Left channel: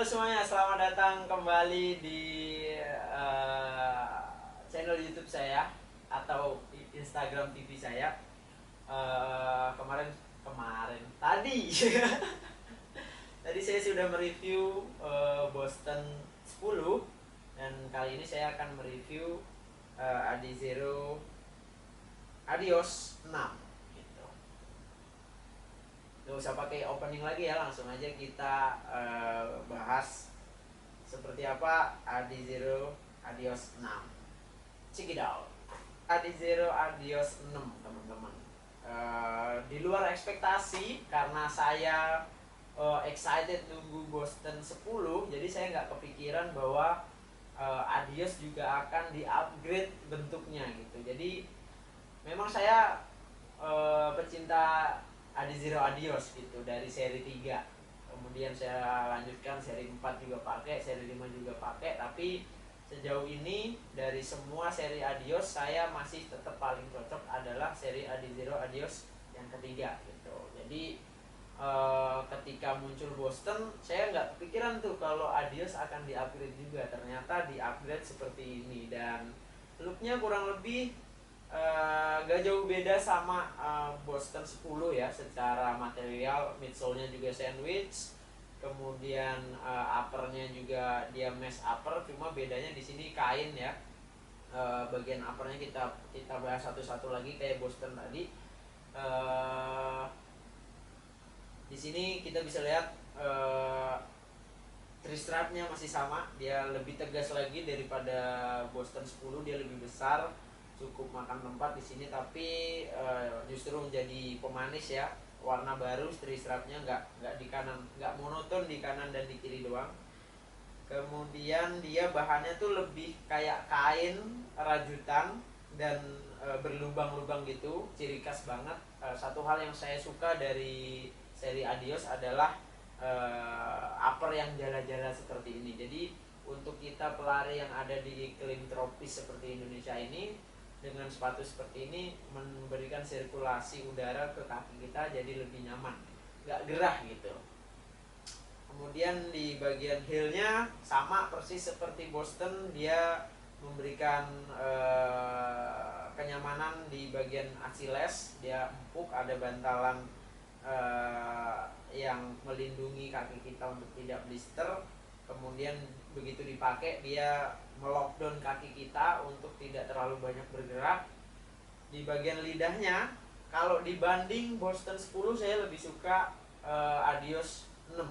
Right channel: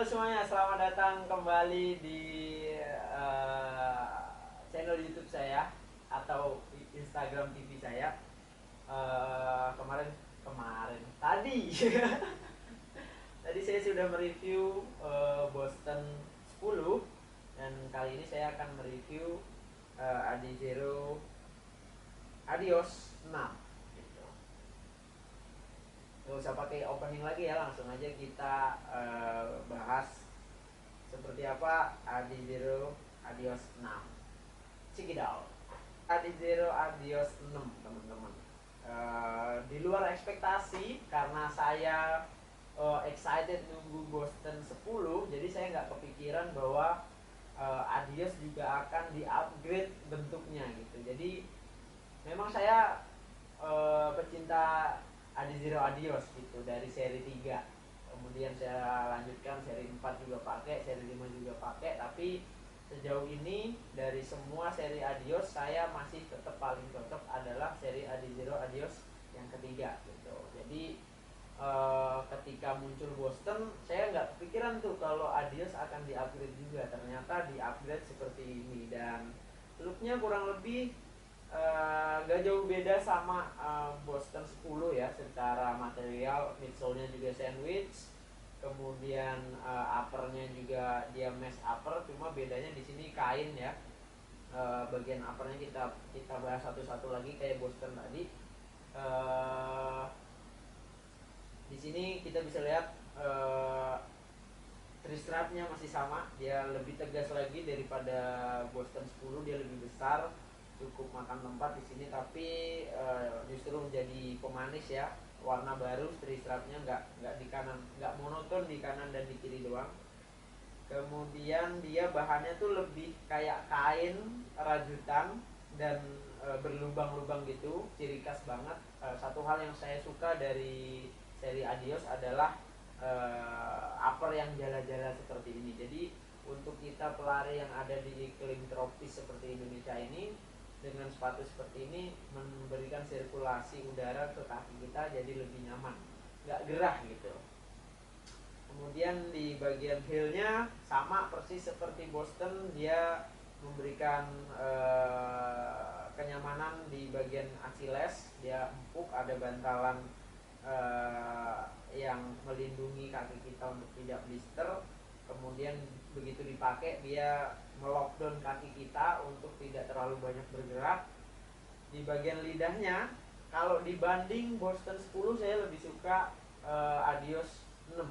Halo semuanya, selamat datang kembali di eh, channel YouTube saya atau Instagram TV saya. Kemarin kemarin tadi tadi saya sudah mereview Boston 10 dan kali ini saya akan mereview Adizero Adios 6 gitu. Gak usah pakai opening lagi ya, langsung aja kita bahas seperti apa Adizero Adios 6. Check it out. Adizero Adios 6 teman-teman. Di luar ekspektasi karena saya excited nunggu Boston 10, jadi saya nggak kepikiran bahwa Adios juga akan di-upgrade bentuknya gitu. Jadi memang saya pecinta Adizero Adios gitu dari seri 3. Kemudian saya lanjutkan seri 4 juga pakai, seri 5 juga pakai, tapi sejauh ini dari semua seri Adios saya masih tetap paling cocok adalah seri Adizero Adios yang ketiga gitu. Jadi ketika muncul Boston saya nggak kepikiran tuh kalau Adios akan di-upgrade juga, ternyata di-upgrade seperti ini dan looknya kurang lebih gak jauh beda sama Boston 10 ya, secara material. Midsole-nya juga sandwich, kemudian uppernya juga dia mesh upper, cuma bedanya di sini kain ya. Bagian uppernya kita bahas satu-satu lagi kayak Boston tadi. Di sini kita bisa lihat three strapnya masih sama, dia lebih tegas lagi daripada Boston 10, dia lebih besar, cukup makan tempat di sini, tapi justru menjadi pemanis ya. Warna baru three strapnya, nggak di kanan, nggak monoton di kanan dan di kiri doang. Kemudian dia bahannya tuh lebih kayak kain rajutan dan berlubang-lubang gitu, ciri khas banget. Satu hal yang saya suka dari seri Adios adalah upper yang jala-jala seperti ini. Jadi untuk kita pelari yang ada di iklim tropis seperti Indonesia ini, dengan sepatu seperti ini memberikan sirkulasi udara ke kaki kita jadi lebih nyaman, nggak gerah gitu. Kemudian di bagian heelnya sama persis seperti Boston, dia memberikan kenyamanan di bagian Achilles, dia empuk, ada bantalan yang melindungi kaki kita untuk tidak blister. Kemudian begitu dipakai dia melockdown kaki kita untuk tidak terlalu banyak bergerak. Di bagian lidahnya, kalau dibanding Boston 10 saya lebih suka Adios 6.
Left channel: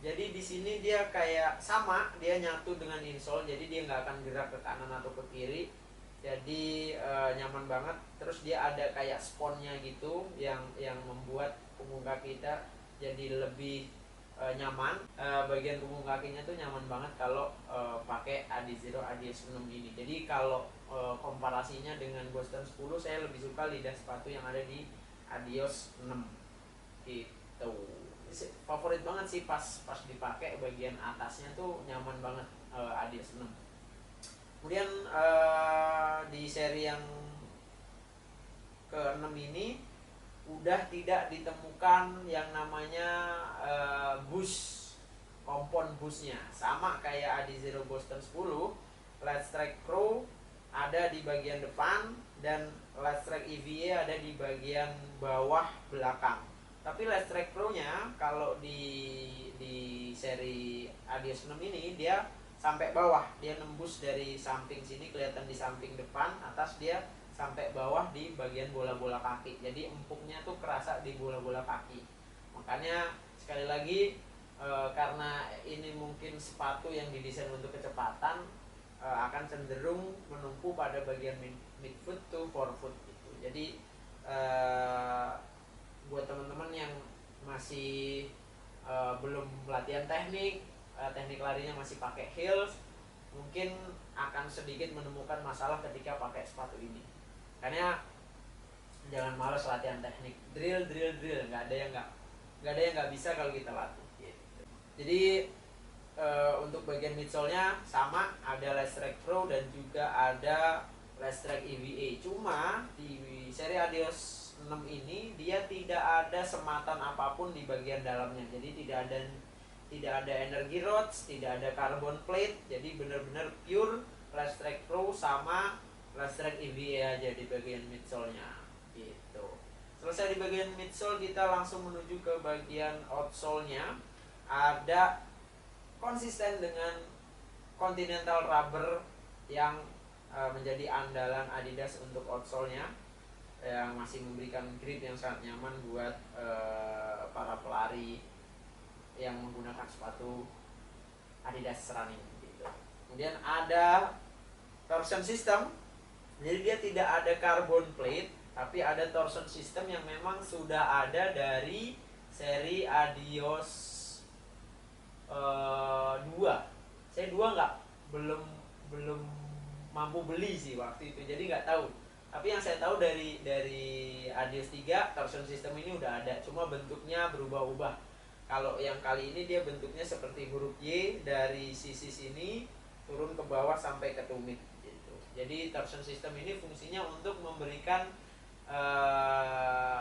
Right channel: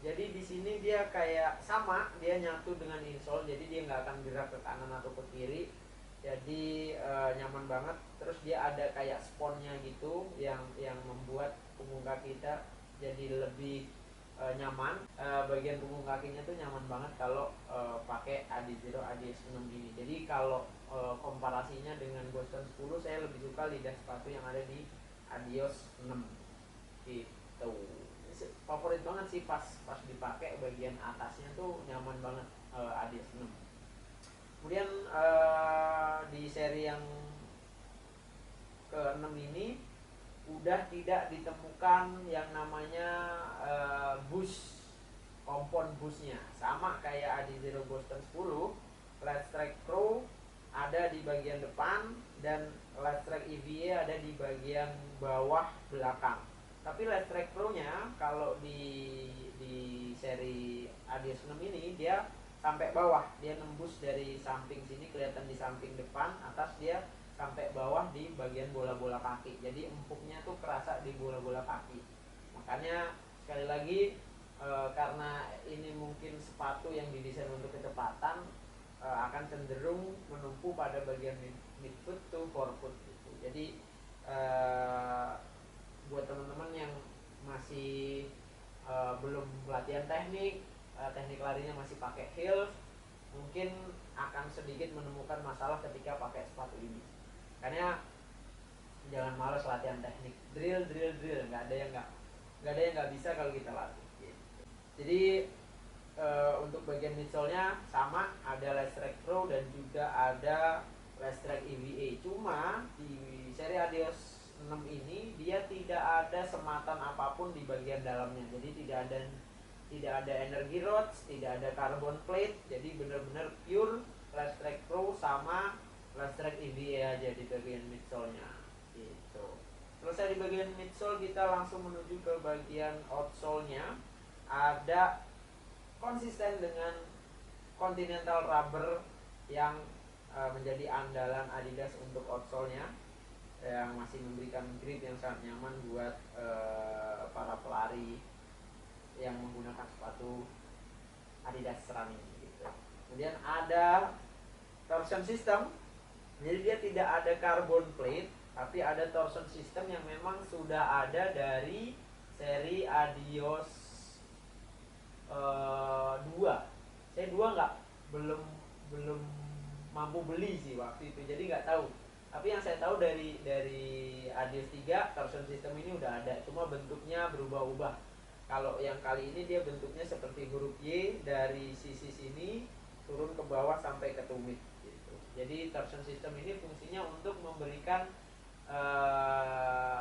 Jadi di sini dia kayak sama, dia nyatu dengan insole, jadi dia nggak akan gerak ke kanan atau ke kiri. Jadi nyaman banget. Terus dia ada kayak sponnya gitu yang membuat punggung kaki kita jadi lebih nyaman. Bagian punggung kakinya tuh nyaman banget kalau pakai Adizero Adios 6 ini. Jadi kalau komparasinya dengan Boston 10, saya lebih suka lidah sepatu yang ada di Adios 6 gitu. Favorit banget sih pas dipakai, bagian atasnya tuh nyaman banget Adios 6. Kemudian di seri yang ke-6 ini udah tidak ditemukan yang namanya bush, kompon bushnya. Sama kayak Adizero Boston 10, Let's Track Pro ada di bagian depan dan Let's Track EVA ada di bagian bawah belakang. Tapi Let's Track Pro nya kalau di seri Adios 6 ini dia sampai bawah, dia nembus dari samping sini, kelihatan di samping depan atas, dia sampai bawah di bagian bola-bola kaki. Jadi empuknya tuh kerasa di bola-bola kaki. Makanya sekali lagi karena ini mungkin sepatu yang didesain untuk kecepatan, akan cenderung menumpu pada bagian midfoot to forefoot gitu. Jadi buat teman-teman yang masih belum latihan teknik, teknik larinya masih pakai heels, mungkin akan sedikit menemukan masalah ketika pakai sepatu ini. Karena jangan malas latihan teknik, drill, nggak ada yang nggak bisa kalau kita latih gitu. Jadi untuk bagian midsole-nya sama, ada Let's Track Pro dan juga ada Let's Track EVA. Cuma di seri Adios 6 ini dia tidak ada sematan apapun di bagian dalamnya. Jadi tidak ada tidak ada energy rods, tidak ada carbon plate, jadi benar-benar pure Last Track Pro sama Last Track EVA aja di bagian midsole-nya gitu. Selesai di bagian midsole, kita langsung menuju ke bagian outsole-nya. Ada konsisten dengan Continental Rubber yang menjadi andalan Adidas untuk outsole-nya, yang masih memberikan grip yang sangat nyaman buat para pelari yang menggunakan sepatu Adidas running gitu. Kemudian ada torsion system, jadi dia tidak ada carbon plate, tapi ada torsion system yang memang sudah ada dari seri Adios 2. Saya 2 belum belum mampu beli sih waktu itu, jadi nggak tahu. Tapi yang saya tahu dari Adios 3 torsion system ini udah ada, cuma bentuknya berubah-ubah. Kalau yang kali ini dia bentuknya seperti huruf Y, dari sisi sini turun ke bawah sampai ke tumit gitu. Jadi torsion system ini fungsinya untuk memberikan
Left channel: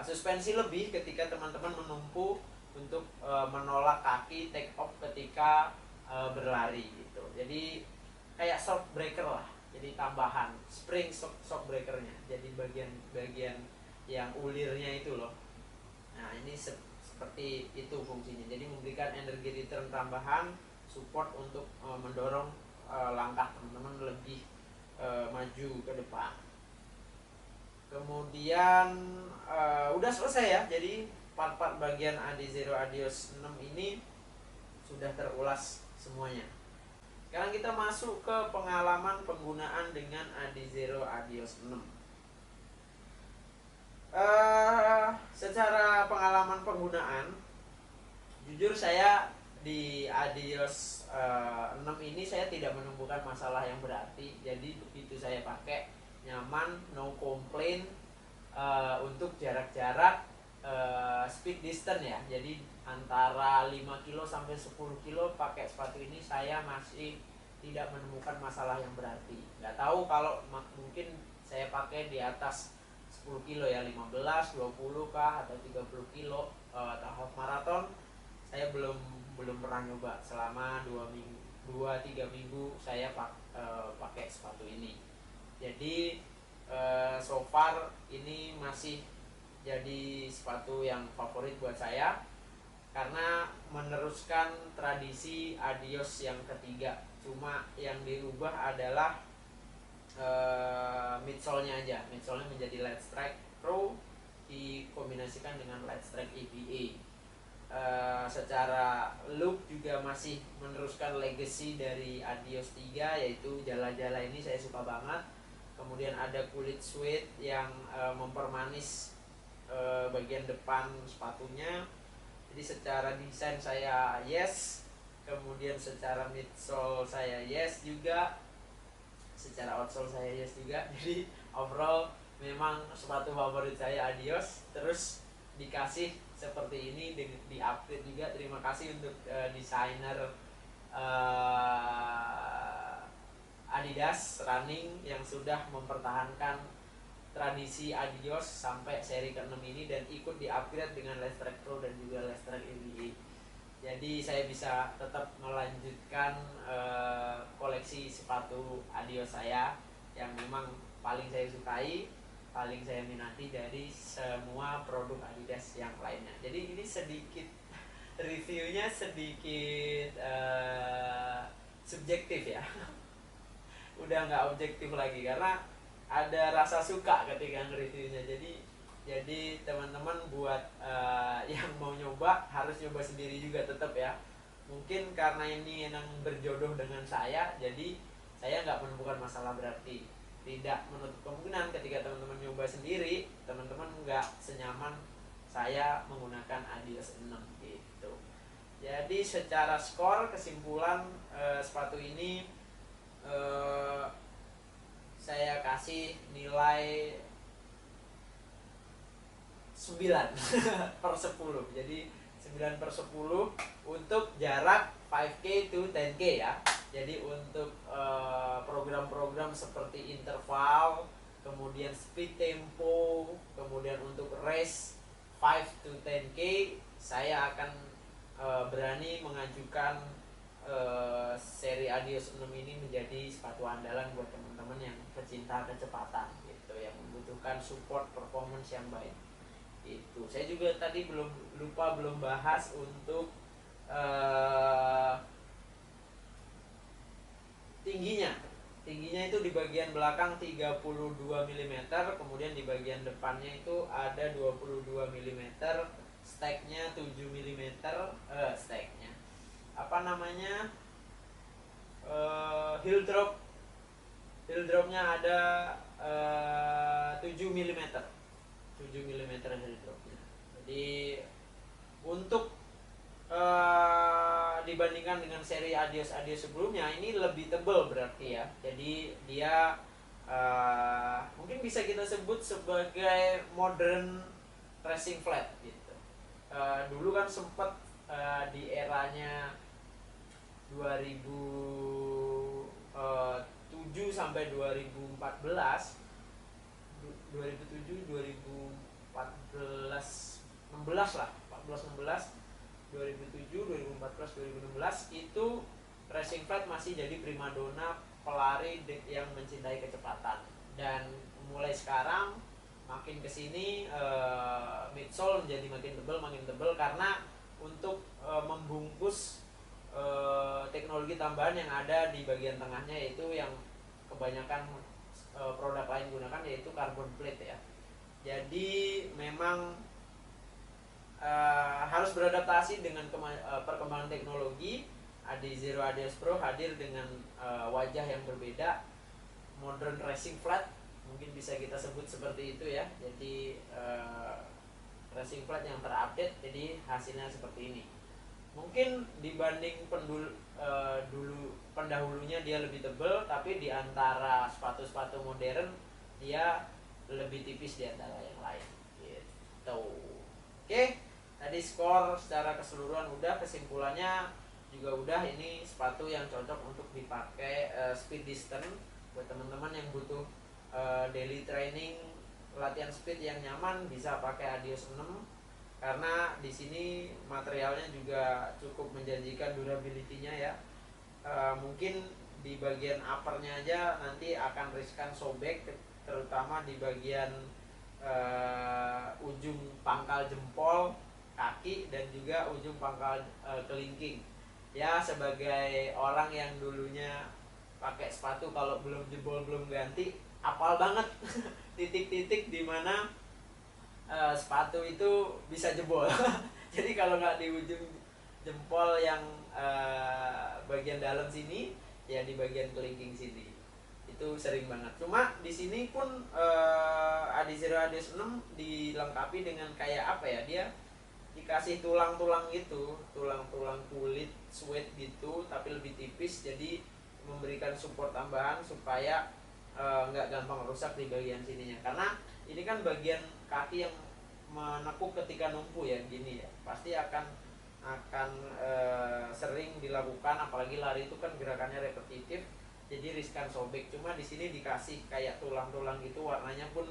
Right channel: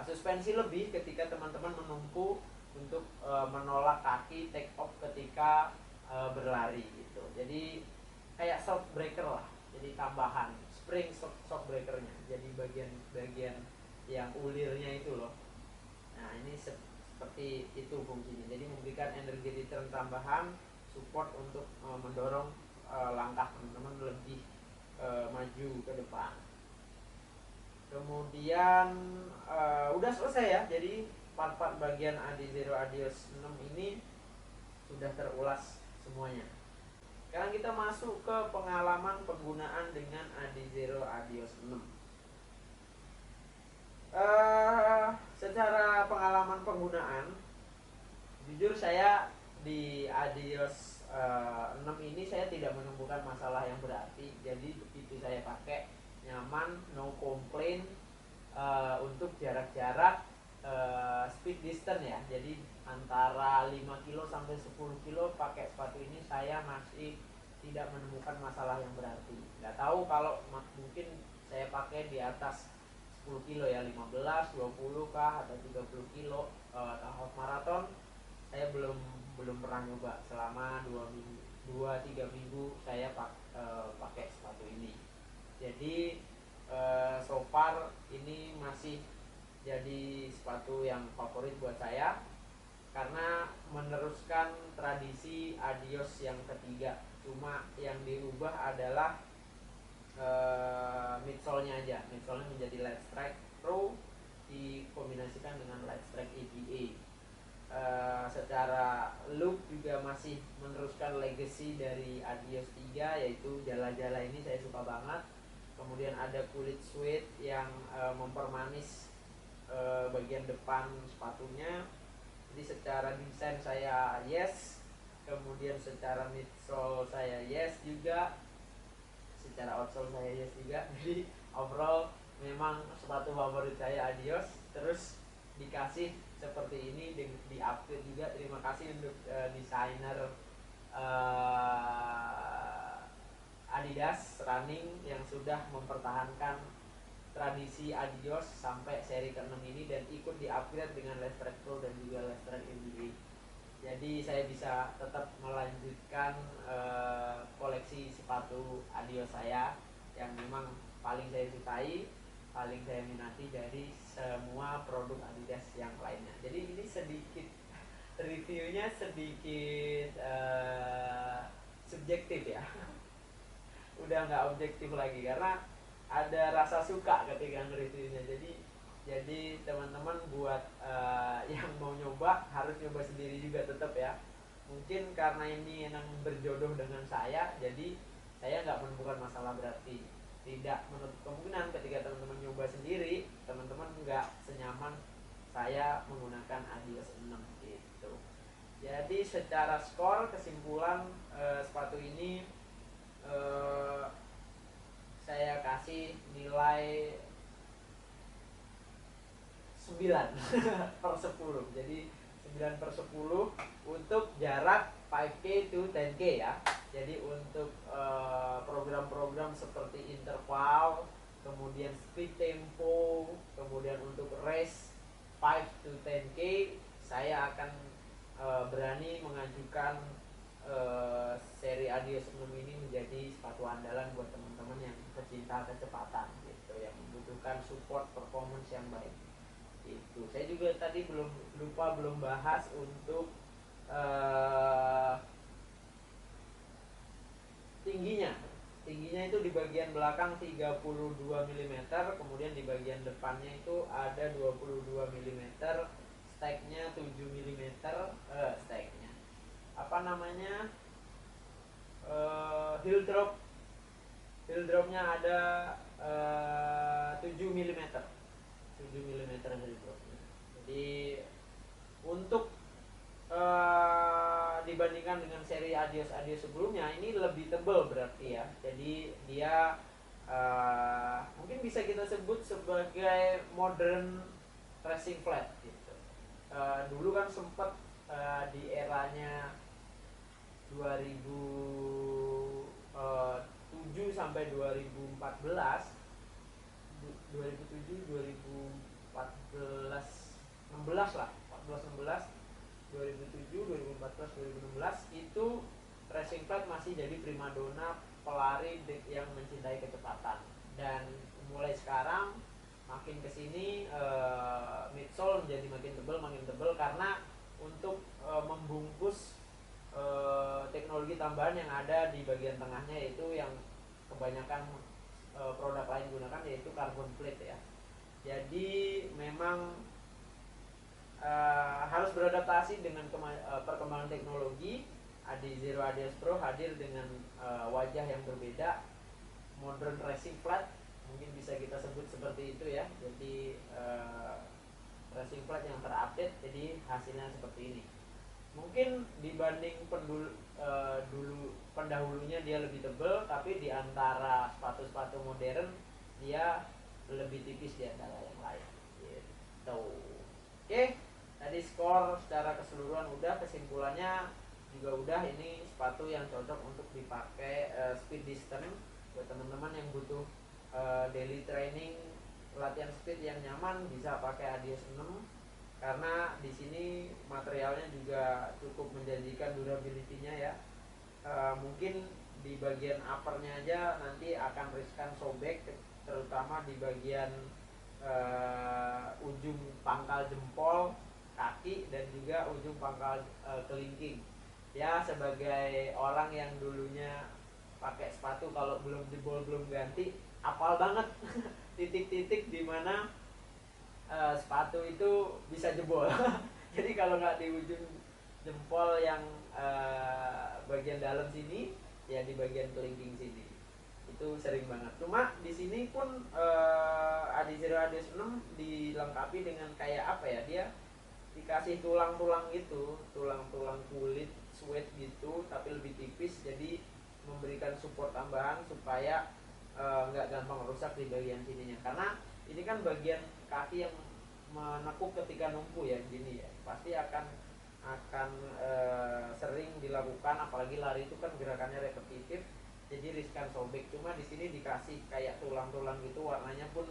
suspensi lebih ketika teman-teman menumpu untuk menolak kaki take off ketika berlari gitu. Jadi kayak shock breaker lah, jadi tambahan spring shock breakernya, jadi bagian yang ulirnya itu loh. Nah ini seperti itu fungsinya, jadi memberikan energi return tambahan, support untuk mendorong langkah teman-teman lebih maju ke depan. Kemudian udah selesai ya, jadi part-part bagian Adizero Adios 6 ini sudah terulas semuanya. Sekarang kita masuk ke pengalaman penggunaan dengan Adizero Adios 6. Secara pengalaman penggunaan, jujur saya di Adios 6 ini saya tidak menemukan masalah yang berarti. Jadi begitu saya pakai, nyaman, no complaint. Untuk jarak-jarak speed distance ya, jadi antara 5 kilo sampai 10 kilo pakai sepatu ini saya masih tidak menemukan masalah yang berarti. Nggak tahu kalau mungkin saya pakai di atas 10 kilo ya, 15, 20 kah atau 30 kilo atau half marathon, saya belum pernah nyoba selama 2-3 minggu saya pakai sepatu ini. Jadi so far ini masih jadi sepatu yang favorit buat saya karena meneruskan tradisi Adios yang ketiga. Cuma yang dirubah adalah midsole-nya aja. Midsole-nya menjadi Let's Track Pro dikombinasikan dengan Let's Track EVA. Secara look juga masih meneruskan legacy dari Adios 3, yaitu jala-jala ini saya suka banget. Kemudian ada kulit suede yang mempermanis bagian depan sepatunya. Jadi secara desain saya yes, kemudian secara midsole saya yes juga, secara outsole saya yes juga. Jadi overall memang sepatu favorit saya Adios. Terus dikasih seperti ini, di upgrade juga. Terima kasih untuk desainer Adidas Running yang sudah mempertahankan tradisi Adios sampai seri ke-6 ini dan ikut di-upgrade dengan Let's Track Pro dan juga Let's Track EVA. Jadi saya bisa tetap melanjutkan koleksi sepatu Adios saya yang memang paling saya sukai, paling saya minati dari semua produk Adidas yang lainnya. Jadi ini sedikit reviewnya sedikit subjektif ya. Udah nggak objektif lagi karena ada rasa suka ketika nge-reviewnya. Jadi teman-teman buat yang mau nyoba harus nyoba sendiri juga tetap ya. Mungkin karena ini yang berjodoh dengan saya, jadi saya nggak menemukan masalah berarti. Tidak menutup kemungkinan ketika teman-teman nyoba sendiri, teman-teman nggak senyaman saya menggunakan Adios 6 gitu. Jadi secara skor kesimpulan sepatu ini saya kasih nilai 9 per 10. Jadi 9 per 10 untuk jarak 5K to 10K ya. Jadi untuk program-program seperti interval, kemudian speed tempo, kemudian untuk race 5 to 10K, saya akan berani mengajukan seri Adios 6 ini menjadi sepatu andalan buat teman-teman yang pecinta kecepatan gitu, yang membutuhkan support performance yang baik. Itu saya juga tadi belum bahas untuk tingginya. Tingginya itu di bagian belakang 32 mm, kemudian di bagian depannya itu ada 22 mm, steknya 7 mm, steknya apa namanya, heel dropnya ada 7 mm, 7 mm heel dropnya. Jadi untuk dibandingkan dengan seri Adios sebelumnya, ini lebih tebal berarti ya. Jadi dia mungkin bisa kita sebut sebagai modern racing flat gitu. Dulu kan sempat di eranya 2007 sampai 2014, 2007 2014 16 lah, 14 16 2007 2014 2016 itu racing flat masih jadi primadona pelari yang mencintai kecepatan. Dan mulai sekarang makin kesini midsole menjadi makin tebal karena untuk membungkus teknologi tambahan yang ada di bagian tengahnya, yaitu yang kebanyakan produk lain gunakan, yaitu carbon plate ya. Jadi memang harus beradaptasi dengan perkembangan teknologi. Adizero Adios Pro hadir dengan wajah yang berbeda, modern racing flat, mungkin bisa kita sebut seperti itu ya. Jadi racing flat yang terupdate, jadi hasilnya seperti ini. Mungkin dibanding pendahulunya dia lebih tebal, tapi di antara sepatu-sepatu modern dia lebih tipis di antara yang lain gitu. Oke, tadi skor secara keseluruhan udah, kesimpulannya juga udah. Ini sepatu yang cocok untuk dipakai speed distance buat teman-teman yang butuh daily training, latihan speed yang nyaman, bisa pakai Adios 6 karena di sini materialnya juga cukup menjanjikan durability-nya ya. Mungkin di bagian uppernya aja nanti akan riskan sobek, terutama di bagian ujung pangkal jempol kaki dan juga ujung pangkal kelingking. Ya, sebagai orang yang dulunya pakai sepatu kalau belum jebol belum ganti, apal banget titik-titik di mana sepatu itu bisa jebol. Jadi kalau nggak di ujung jempol yang bagian dalam sini, ya di bagian kelingking sini itu sering banget. Cuma di sini pun Adizero Adios 6 dilengkapi dengan kayak apa ya, dia dikasih tulang-tulang gitu, tulang-tulang kulit suede gitu tapi lebih tipis, jadi memberikan support tambahan supaya nggak gampang rusak di bagian sininya. Karena ini kan bagian kaki yang menekuk ketika numpu ya, gini ya, pasti akan sering dilakukan, apalagi lari itu kan gerakannya repetitif, jadi riskan sobek. Cuma di sini dikasih kayak tulang-tulang gitu, warnanya pun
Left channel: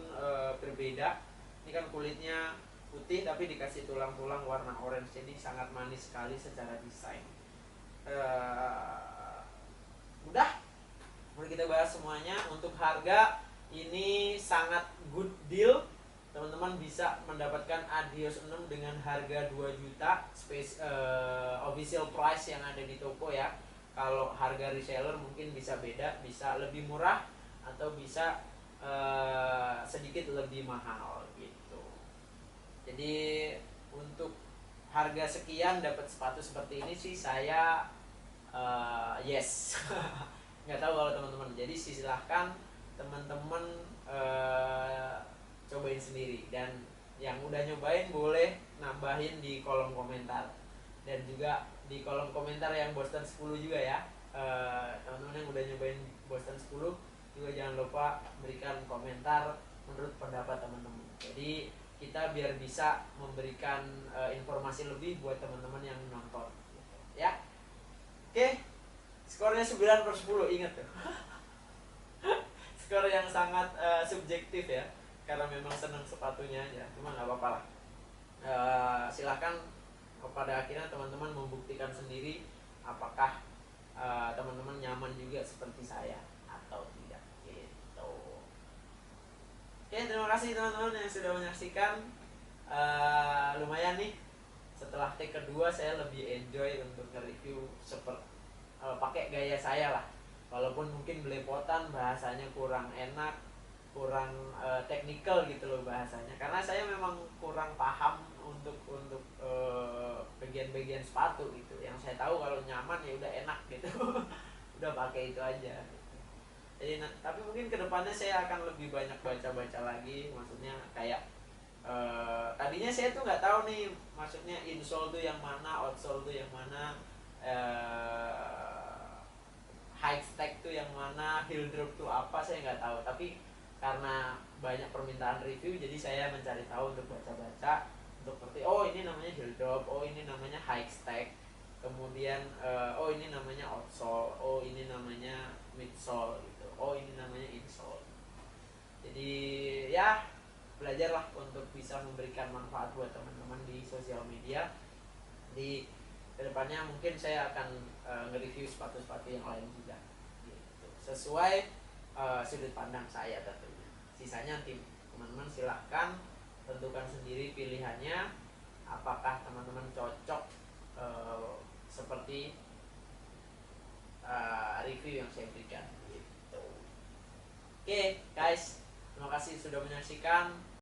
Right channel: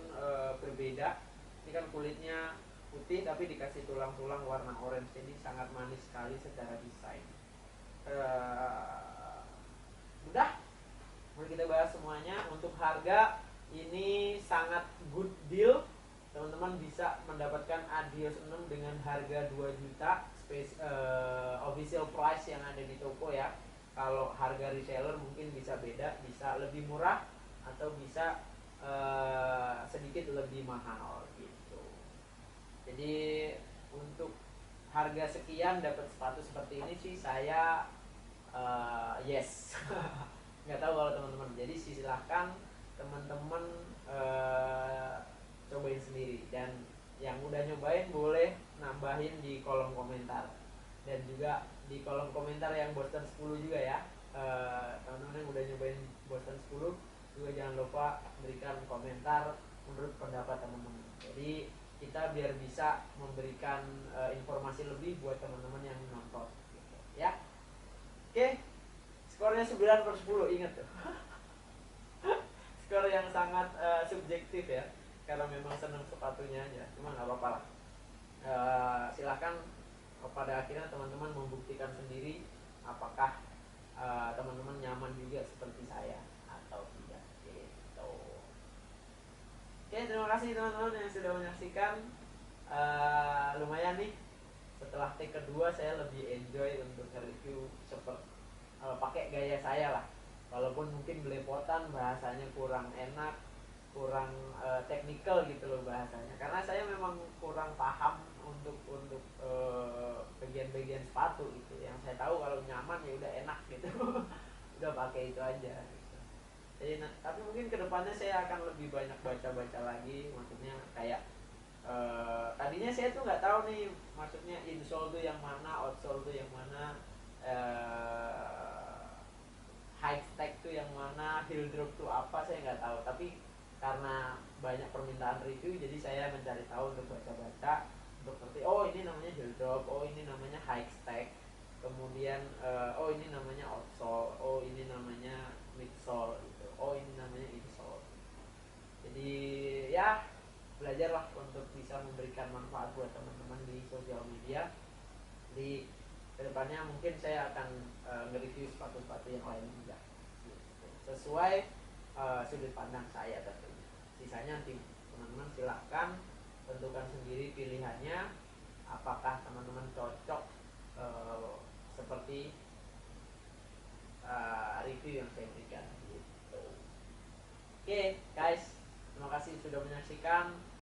berbeda. Ini kan kulitnya putih tapi dikasih tulang-tulang warna orange, jadi sangat manis sekali secara desain. Udah, boleh kita bahas semuanya. Untuk harga ini sangat good deal, teman-teman bisa mendapatkan Adios 6 dengan harga 2 juta official price yang ada di toko ya. Kalau harga reseller mungkin bisa beda, bisa lebih murah atau bisa sedikit lebih mahal gitu. Jadi untuk harga sekian dapat sepatu seperti ini sih saya yes. Nggak tahu kalau teman-teman. Jadi silahkan teman-teman cobain sendiri, dan yang udah nyobain boleh nambahin di kolom komentar, dan juga di kolom komentar yang Boston 10 juga ya. Teman-teman yang udah nyobain Boston 10 juga jangan lupa berikan komentar menurut pendapat teman-teman. Jadi kita biar bisa memberikan informasi lebih buat teman-teman yang nonton gitu, ya. Oke, skornya 9/10, ingat tuh. Skor yang sangat subjektif ya, karena memang seneng sepatunya aja, cuma nggak apa-apa lah. Silahkan pada akhirnya teman-teman membuktikan sendiri apakah teman-teman nyaman juga seperti saya atau tidak gitu. Oke, terima kasih teman-teman yang sudah menyaksikan. Lumayan nih, setelah take kedua saya lebih enjoy untuk nge-review pakai gaya saya lah, walaupun mungkin belepotan, bahasanya kurang enak, kurang teknikal gitu loh bahasanya, karena saya memang kurang paham untuk bagian-bagian sepatu gitu. Yang saya tahu kalau nyaman ya udah enak gitu udah pakai itu aja gitu. Jadi tapi mungkin kedepannya saya akan lebih banyak baca-baca lagi, maksudnya kayak tadinya saya tuh nggak tahu nih, maksudnya insole tuh yang mana, outsole tuh yang mana, high stack tuh yang mana, heel drop tuh apa, saya nggak tahu. Tapi karena banyak permintaan review, jadi saya mencari tahu untuk baca-baca, untuk ngerti, oh ini namanya heel drop, oh ini namanya high stack, kemudian oh ini namanya outsole, oh ini namanya midsole gitu, oh ini namanya insole. Jadi ya belajarlah untuk bisa memberikan manfaat buat teman-teman di sosial media. Di kedepannya mungkin saya akan nge-review sepatu-sepatu yang lain juga gitu, sesuai sudut pandang saya tentunya. Sisanya tim teman-teman silahkan tentukan sendiri pilihannya, apakah teman-teman cocok seperti review yang saya berikan gitu. Oke guys, terima kasih sudah menyaksikan.